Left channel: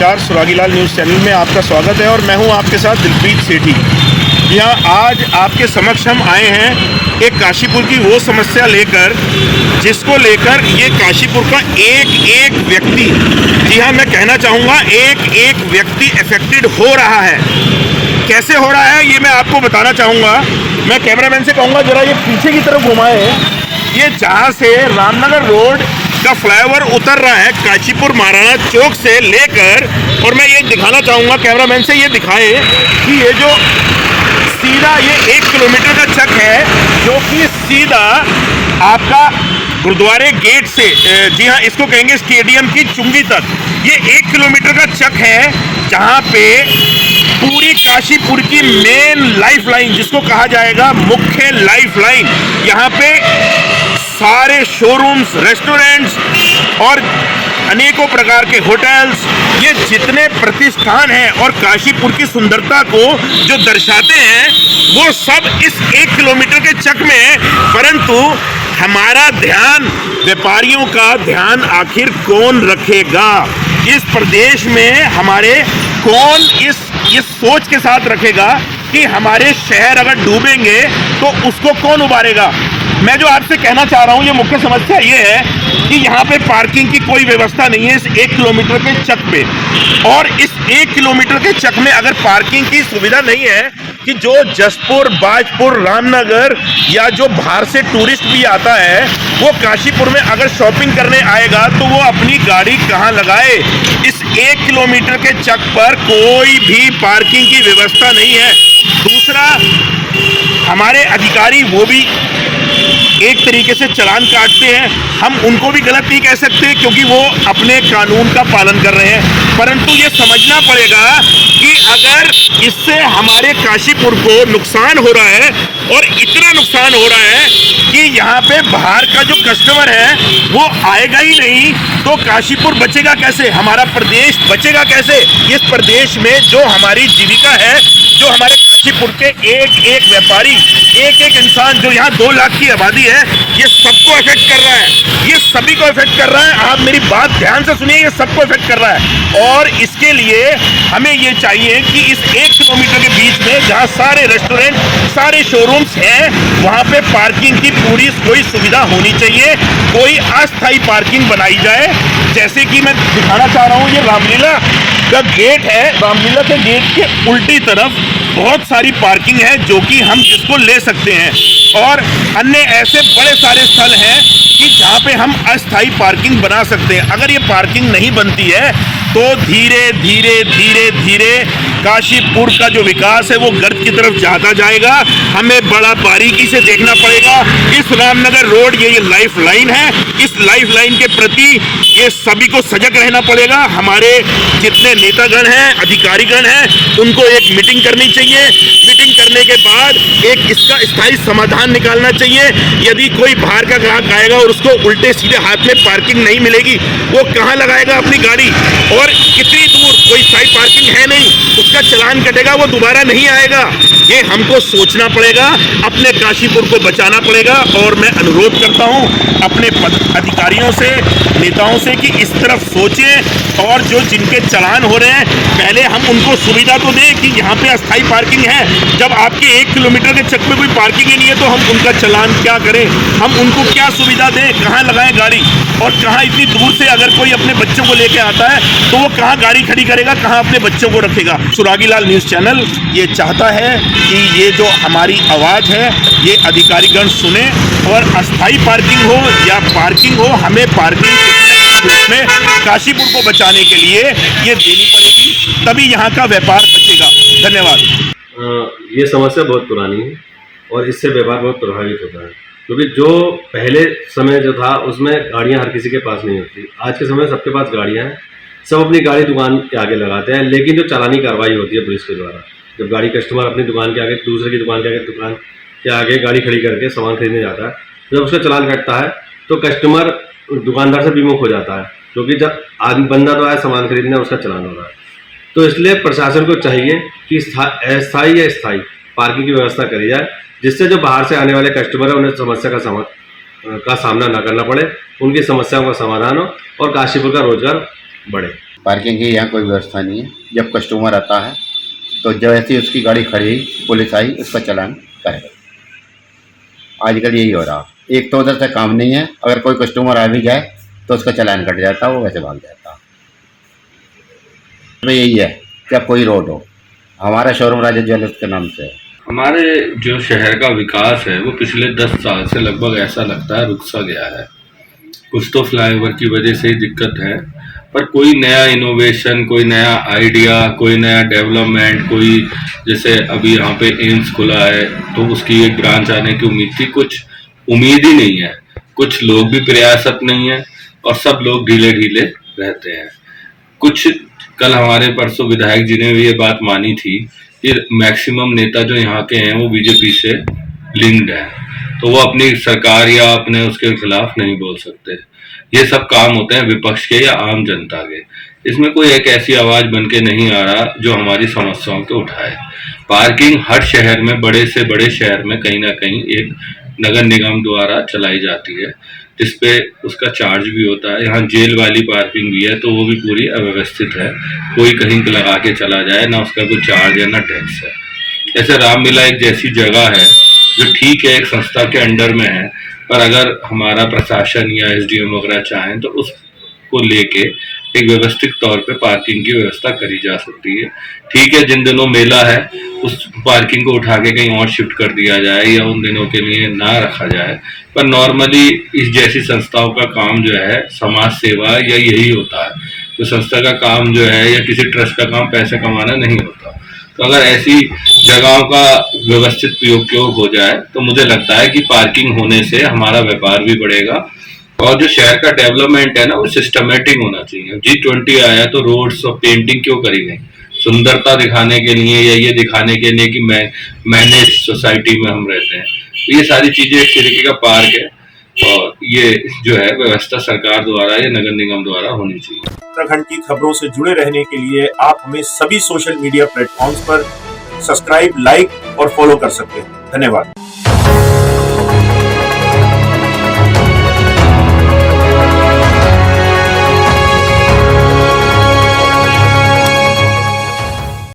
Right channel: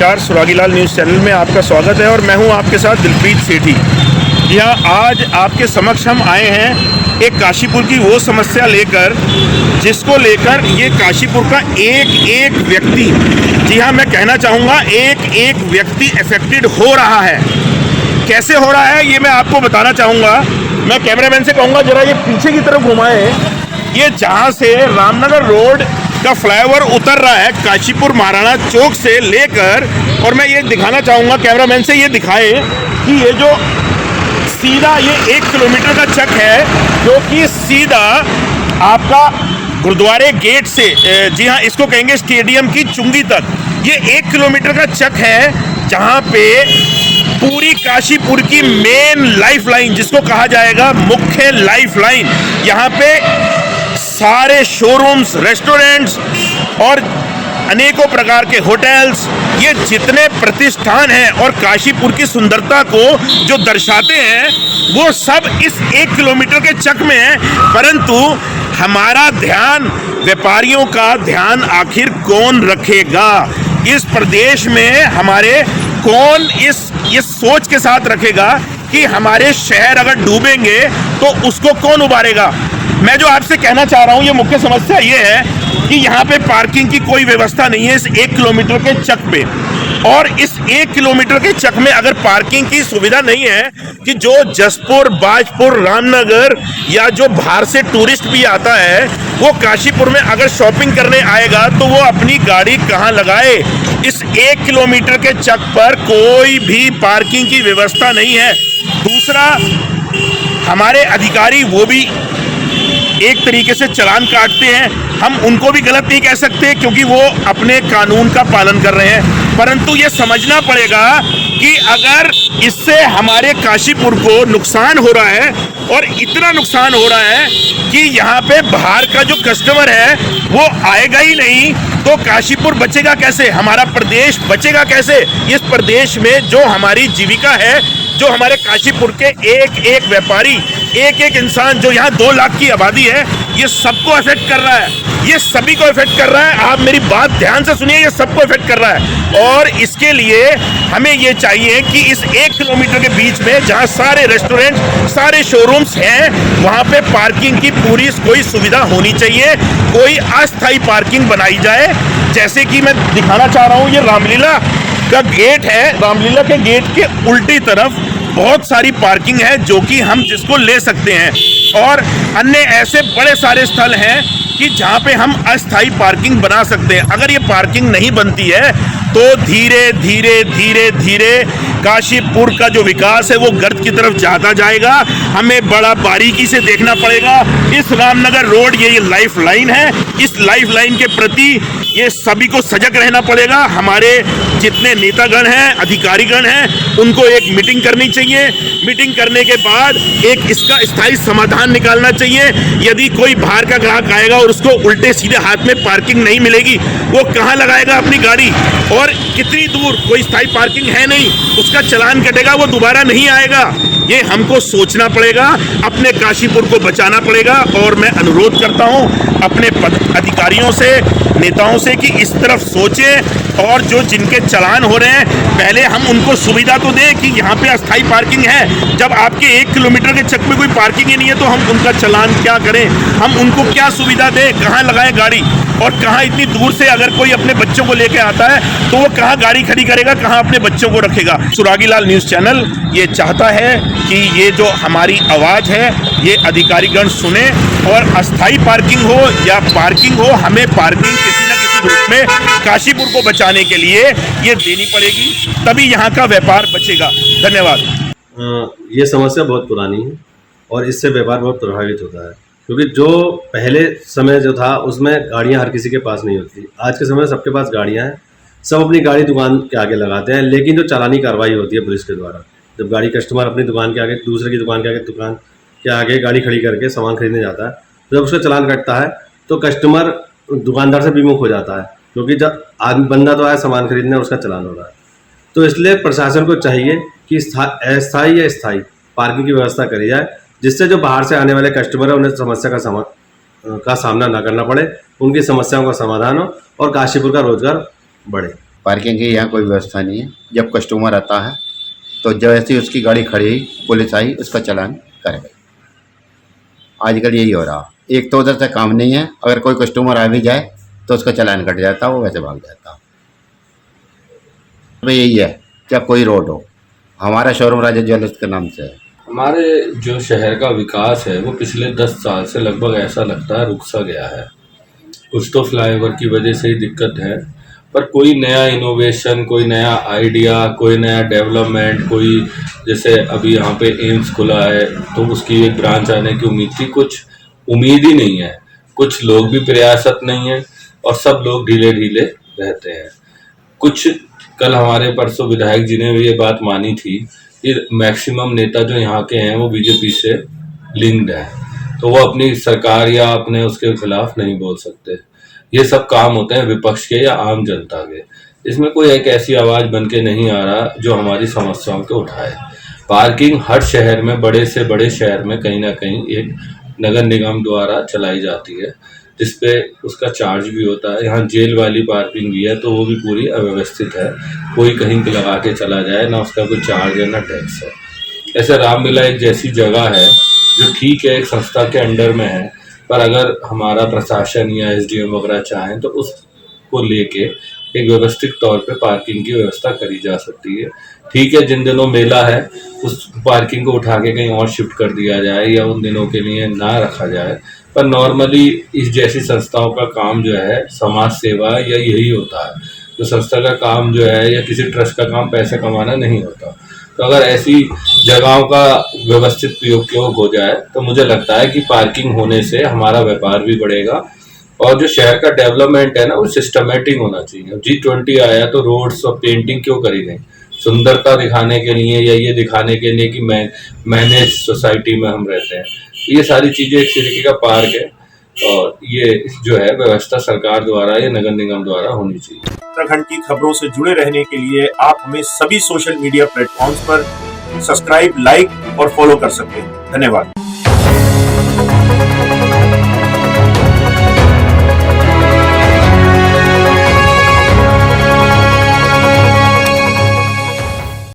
नमस्कार, सुरागीलाल news channel में आपका स्वागत है और मैं हूं आपके साथ दिलप्रीत सेठी। यहाँ आज आपके समक्ष हम आए हैं एक काशीपुर की वो समस्या लेकर जिसको लेकर ये काशीपुर का एक एक व्यक्ति, जी हाँ मैं कहना चाहूँगा एक एक व्यक्ति अफेक्टेड हो रहा है। कैसे हो रहा है ये मैं आपको बताना चाहूँगा। मैं कैमरामैन से कहूँगा जरा ये पीछे की तरफ घुमाएं। ये जहाँ से रामनगर रोड का फ्लाईओवर उतर रहा है काशीपुर महाराणा चौक से लेकर, और मैं ये दिखाना चाहूँगा कैमरामैन से, ये दिखाए कि ये जो सीधा ये 1 किलोमीटर का चक है जो कि सीधा आपका गुरुद्वारे गेट से, जी हाँ इसको कहेंगे स्टेडियम की चुंगी तक, ये 1 किलोमीटर का चक है जहाँ पे पूरी काशीपुर की मेन लाइफ लाइन, जिसको कहा जाएगा मुख्य लाइफ लाइन, यहाँ पे सारे शोरूम्स, रेस्टोरेंट्स और अनेकों प्रकार के होटल्स, ये जितने प्रतिष्ठान हैं और काशीपुर की सुंदरता को जो दर्शाते हैं वो सब इस 1 किलोमीटर के चक में है। परंतु हमारा ध्यान, व्यापारियों का ध्यान आखिर कौन रखेगा इस प्रदेश में? हमारे कौन इस सोच के साथ रखेगा कि हमारे शहर अगर डूबेंगे तो उसको कौन उबारेगा? मैं जो आपसे कहना चाह रहा हूँ, ये मुख्य समस्या ये है कि यहाँ पे पार्किंग की कोई व्यवस्था नहीं है इस 1 किलोमीटर के चक पे। और इस 1 किलोमीटर के चक में अगर पार्किंग की सुविधा नहीं है कि जो जसपुर, बाजपुर, रामनगर या जो बाहर से टूरिस्ट भी आता है वो काशीपुर में अगर शॉपिंग करने आएगा तो वो अपनी गाड़ी कहाँ लगाए? इस 1 किलोमीटर के चक पर कोई भी पार्किंग की व्यवस्था नहीं है। दूसरा, हमारे अधिकारी वो भी एक तरीके से चालान काटते हैं। हम उनको भी गलत नहीं कह सकते क्योंकि वो अपने कानून का पालन कर रहे हैं, परंतु ये समझना पड़ेगा कि अगर इससे हमारे काशीपुर को नुकसान हो रहा है और इतना नुकसान हो रहा है कि यहाँ पे बाहर का जो कस्टमर है वो आएगा ही नहीं, तो काशीपुर बचेगा कैसे? हमारा प्रदेश बचेगा कैसे? इस प्रदेश में जो हमारी जीविका है, जो हमारे काशीपुर के एक एक व्यापारी, एक एक इंसान, जो यहाँ 2 लाख की आबादी है, ये सबको इफेक्ट कर रहा है, ये सभी को इफेक्ट कर रहा है। आप मेरी बात ध्यान से सुनिए, ये सबको इफेक्ट कर रहा है। और इसके लिए हमें ये चाहिए कि इस 1 किलोमीटर के बीच में जहाँ सारे रेस्टोरेंट, सारे शोरूम्स हैं, वहाँ पे पार्किंग की पूरी कोई सुविधा होनी चाहिए, कोई अस्थायी पार्किंग बनाई जाए। जैसे कि मैं दिखाना चाह रहा हूँ, ये रामलीला का गेट है, रामलीला के गेट के उल्टी तरफ बहुत सारी पार्किंग है जो कि हम जिसको ले सकते हैं, और अन्य ऐसे बड़े सारे स्थल हैं कि जहाँ पे हम अस्थायी पार्किंग बना सकते हैं। अगर ये पार्किंग नहीं बनती है तो धीरे धीरे धीरे धीरे काशीपुर का जो विकास है वो गर्त की तरफ जाता जाएगा। हमें बड़ा बारीकी से देखना पड़ेगा। इस रामनगर रोड ये लाइफ लाइन है, इस लाइफ लाइन के प्रति ये सभी को सजग रहना पड़ेगा। हमारे जितने नेतागण हैं, अधिकारीगण हैं, उनको एक मीटिंग करनी चाहिए। मीटिंग करने के बाद एक इसका स्थायी समाधान निकालना चाहिए। यदि कोई बाहर का ग्राहक आएगा और उसको उल्टे सीधे हाथ में पार्किंग नहीं मिलेगी, वो कहाँ लगाएगा अपनी गाड़ी? और कितनी दूर कोई स्थायी पार्किंग है नहीं, उसका चालान कटेगा, वो दोबारा नहीं आएगा। ये हमको सोचना पड़ेगा, अपने काशीपुर को बचाना पड़ेगा। और मैं अनुरोध करता हूँ अपने अधिकारियों से, नेताओं से कि इस तरफ सोचें, और जो जिनके चालान हो रहे हैं पहले हम उनको सुविधा तो दें कि यहाँ पे अस्थायी पार्किंग है। जब आपके 1 किलोमीटर के चक में कोई पार्किंग ही नहीं है तो हम उनका चालान क्या करें? हम उनको क्या सुविधा दें? कहाँ लगाएं गाड़ी? और कहाँ इतनी दूर से अगर कोई अपने बच्चों को लेके आता है तो वो कहाँ गाड़ी खड़ी करेगा, कहाँ अपने बच्चों को रखेगा? सुरागीलाल न्यूज़ चैनल ये चाहता है कि ये जो हमारी आवाज़ है ये अधिकारीगण सुने, और अस्थायी पार्किंग हो या पार्किंग हो, हमें पार्किंग किसी न किसी रूप में काशीपुर को बचाने के लिए ये देनी पड़ेगी, तभी यहाँ का व्यापार बचेगा। धन्यवाद। ये समस्या बहुत पुरानी है और इससे व्यापार बहुत प्रभावित होता है, क्योंकि जो पहले समय जो था उसमें गाड़ियाँ हर किसी के पास नहीं होती। आज के समय सबके पास गाड़ियाँ हैं, सब अपनी गाड़ी दुकान के आगे लगाते हैं, लेकिन जो चालानी कार्रवाई होती है पुलिस के द्वारा, जब गाड़ी कस्टमर अपनी दुकान के आगे, दूसरे की दुकान के आगे गाड़ी खड़ी करके सामान खरीदने जाता है, जब उसका चालान कटता है तो कस्टमर दुकानदार से विमुख हो जाता है, क्योंकि जब आदमी बंदा तो आया सामान खरीदने, उसका चालान हो रहा है। तो इसलिए प्रशासन को चाहिए कि अस्थायी या स्थायी पार्किंग की व्यवस्था करी जाए, जिससे जो बाहर से आने वाले कस्टमर है उन्हें समस्या का सामना ना करना पड़े, उनकी समस्याओं का समाधान हो और काशीपुर का रोजगार बढ़े। पार्किंग की यहाँ कोई व्यवस्था नहीं है। जब कस्टमर आता है तो जैसे ही उसकी गाड़ी खड़ी हुई, पुलिस आई, उसका चालान करेगा। आजकल यही हो रहा। एक तो उधर से काम नहीं है, अगर कोई कस्टमर आ भी जाए तो उसका चालान कट जाता, वो वैसे भाग जाता। तो यही है कि अब कोई रोड हो। हमारा शोरूम राजा ज्वेलर्स के नाम से है। हमारे जो शहर का विकास है वो पिछले 10 साल से लगभग ऐसा लगता है रुक सा गया है। कुछ तो फ्लाईओवर की वजह से ही दिक्कत है, पर कोई नया इनोवेशन, कोई नया आइडिया, कोई नया डेवलपमेंट, कोई जैसे अभी यहाँ पे एम्स खुला है तो उसकी एक ब्रांच आने की उम्मीद थी, कुछ उम्मीद ही नहीं है। कुछ लोग भी प्रयासरत नहीं है और सब लोग ढीले ढीले रहते हैं। कुछ कल हमारे परसों विधायक जी ने भी ये बात मानी थी कि मैक्सिमम नेता जो यहाँ के हैं वो बीजेपी से लिंक्ड है, तो वो अपनी सरकार या अपने उसके खिलाफ नहीं बोल सकते। ये सब काम होते हैं विपक्ष के या आम जनता के। इसमें कोई एक ऐसी आवाज बन के नहीं आ रहा जो हमारी समस्याओं को उठाए। पार्किंग हर शहर में, बड़े से बड़े शहर में कहीं ना कहीं एक नगर निगम द्वारा चलाई जाती है, जिसपे उसका चार्ज भी होता है। यहाँ जेल वाली पार्किंग भी है तो वो भी पूरी अव्यवस्थित है। कोई कहीं लगा के चला जाए, ना उसका कोई चार्ज है ना टैक्स है। ऐसे रामलीला एक जैसी जगह है जो ठीक है एक संस्था के अंडर में है, पर अगर हमारा प्रशासन या एसडीएम वगैरह चाहें तो उसको लेके एक व्यवस्थित तौर पे पार्किंग की व्यवस्था करी जा सकती है। ठीक है, जिन दिनों मेला है उस पार्किंग को उठा के कहीं और शिफ्ट कर दिया जाए या उन दिनों के लिए ना रखा जाए, पर नॉर्मली इस जैसी संस्थाओं का काम जो है समाज सेवा या यही होता है। तो संस्था का काम जो है या किसी ट्रस्ट का काम पैसे कमाना नहीं होता। तो अगर ऐसी जगहों का व्यवस्थित प्रयोग हो जाए तो मुझे लगता है कि पार्किंग होने से हमारा व्यापार भी बढ़ेगा और जो शहर का डेवलपमेंट है ना वो सिस्टमेटिक होना चाहिए। G20 आया तो रोड्स और पेंटिंग क्यों करी गई? सुंदरता दिखाने के लिए या ये दिखाने के लिए कि मैनेज सोसाइटी में हम रहते हैं। तो ये सारी चीजें एक तरीके का पार्क है और ये जो है व्यवस्था सरकार द्वारा या नगर निगम द्वारा होनी चाहिए। उत्तराखंड की खबरों से जुड़े रहने के लिए आप हमें सभी सोशल मीडिया प्लेटफॉर्म्स पर सब्सक्राइब, लाइक और फॉलो कर सकते हैं। धन्यवाद।